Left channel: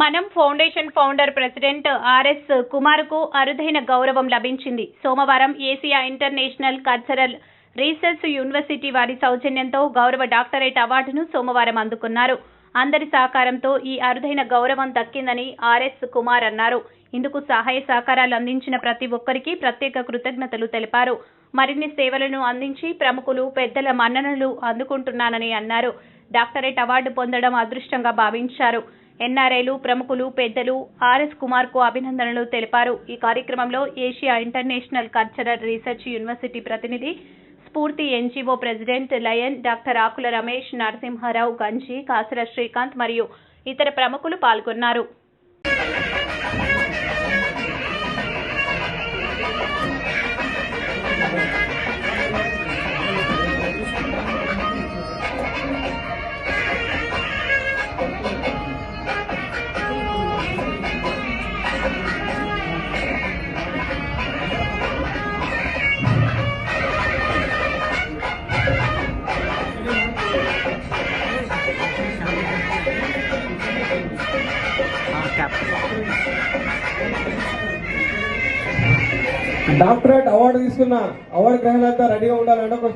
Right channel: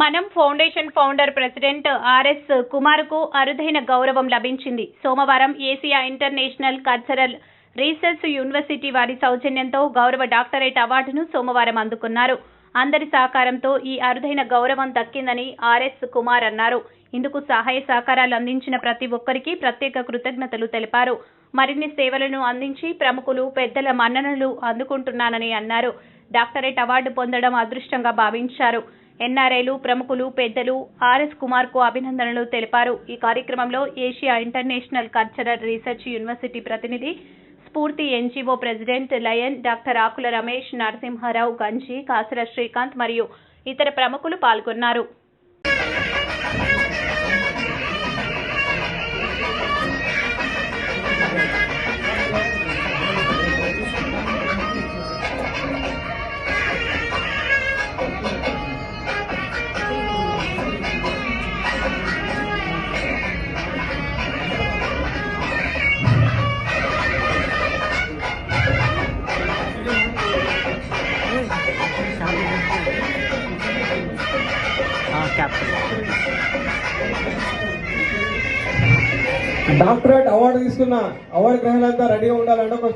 మనం foundation founder president R S కుమార్కు అరుదైన గౌరవం లభించింది. సోమవారం Asia international cultural research university వారి సౌజన్యంతో గౌరవ డాక్టరేట్ అవార్డును సోమవారం అందుకున్నారు. అందరి సహకారంతో ఈ అరుదైన గౌరవం దక్కిందని ఆర్ఎస్ కుమార్ అన్నారు. ఇందుకు సహాయ సహకారాలు అందించిన ప్రతి ఒక్కరికి ప్రత్యేక కృతజ్ఞతలు తెలిపారు. మరిన్ని సేవలను అందించి ప్రముఖులు పెద్దల మన్ననలు అందుకుంటున్నానని అన్నారు. డాక్టరేట్ అవార్డు పొందడం అదృష్టంగా భావించారు. ఎన్ఆర్ఐలు ప్రముఖులు పెద్దలు ఆర్ఎస్ కుమార్కు అభినందనలు తెలిపారు. ఈ కార్యక్రమంలో Asia international cultural research university ప్రతినిధి స్ఫూర్తి NGO president lion doctor Akula Ramesh Narasimha Rao Ganji Kasara Srikanth మరియు ఇతర ప్రముఖులు పాల్గొన్నారు. క్యాప్టెన్ డాక్టరేట్ అవార్డు తీసుకున్న అవార్డు గ్రహీతలంతా రెడీగా ఉండాలంటే ఒక